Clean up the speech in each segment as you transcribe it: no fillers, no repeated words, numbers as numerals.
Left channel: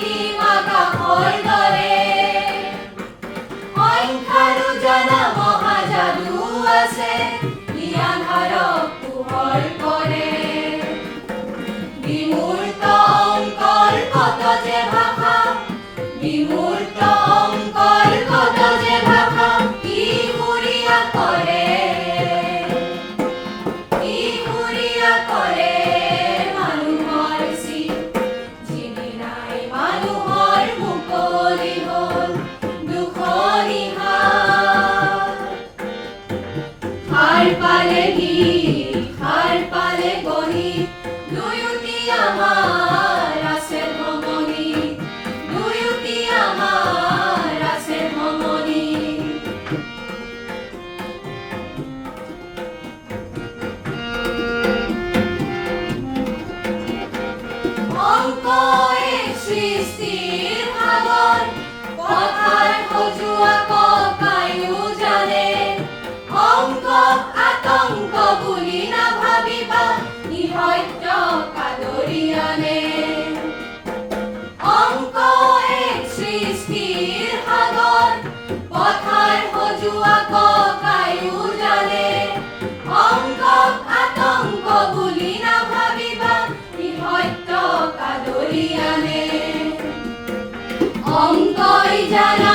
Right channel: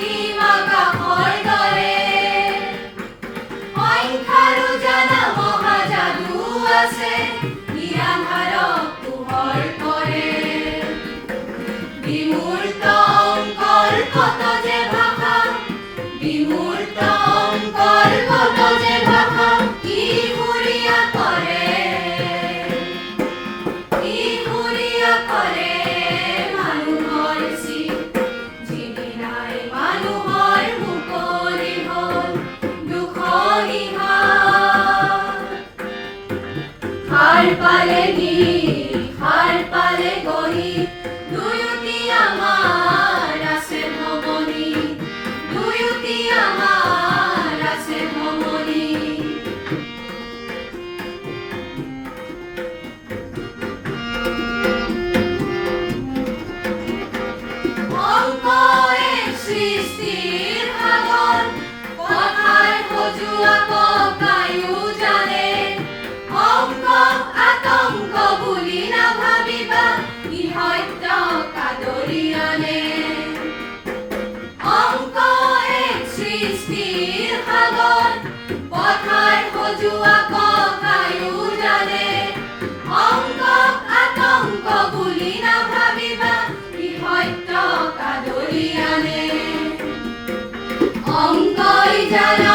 অসীম আকাশৰ দৰে সংখ্যাৰো জানা মহাযাদু আছে নিৰাধাৰক পোহৰ কৰে বিমূৰ্ত অংকৰ কত যে ভাষা বিমূৰ্ত অংকৰ কত যে ভাষা ই সুৰীয়া কৰে মানুহৰ চিত যিদিনাই মানুহৰ মুকলি হ'ল সাৰ পালে গঢ়ি দুয়োটি আমাৰ আছে ভমনি দুয়োটি আমাৰ আছে ভমনি অংক এক সৃষ্টিৰ ভাগৰ কথাৰ সজোৱা ককায়ো জানে অংক আতংক বুলি নাভাবিবা ই সত্য কাদৰি আনে অংক এক সৃষ্টিৰ সাগৰ পথাৰ সজোৱা ককায়ো জানে অংক আতংক বুলি নাভাবিবা ই সত্য কাদৰি আনে অংকই জানা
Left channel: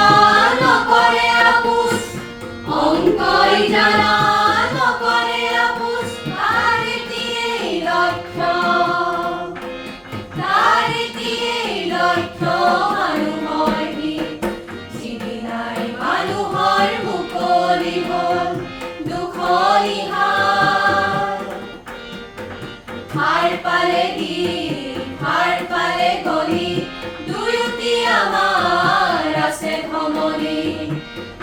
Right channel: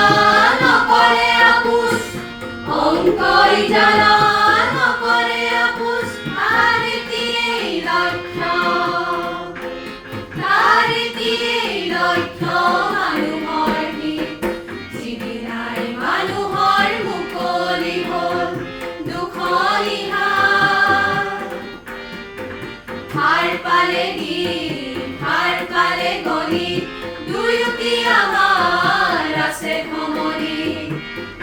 নকৰে আপোচ অংকই জানা নকৰে আপোচ তাৰ এটিয়েই লক্ষ্য মানুহৰ হিত যিদিনাই মানুহৰ মুকলি হ'ল দুখনি সাৰ পালে গলি দুয়োটি আমাৰ আছে ভমনি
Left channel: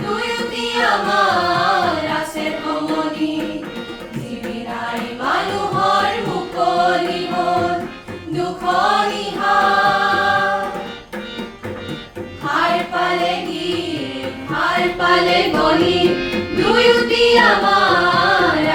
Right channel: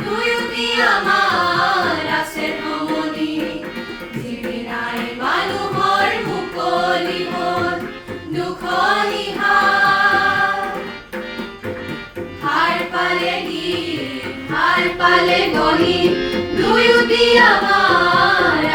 দুয়োটি আমাৰ আছে ভমনি যিদিনাই মানুহৰ মুকলি হ'ল দুখনি সাৰ পালে গলি দুয়োটি আমাৰ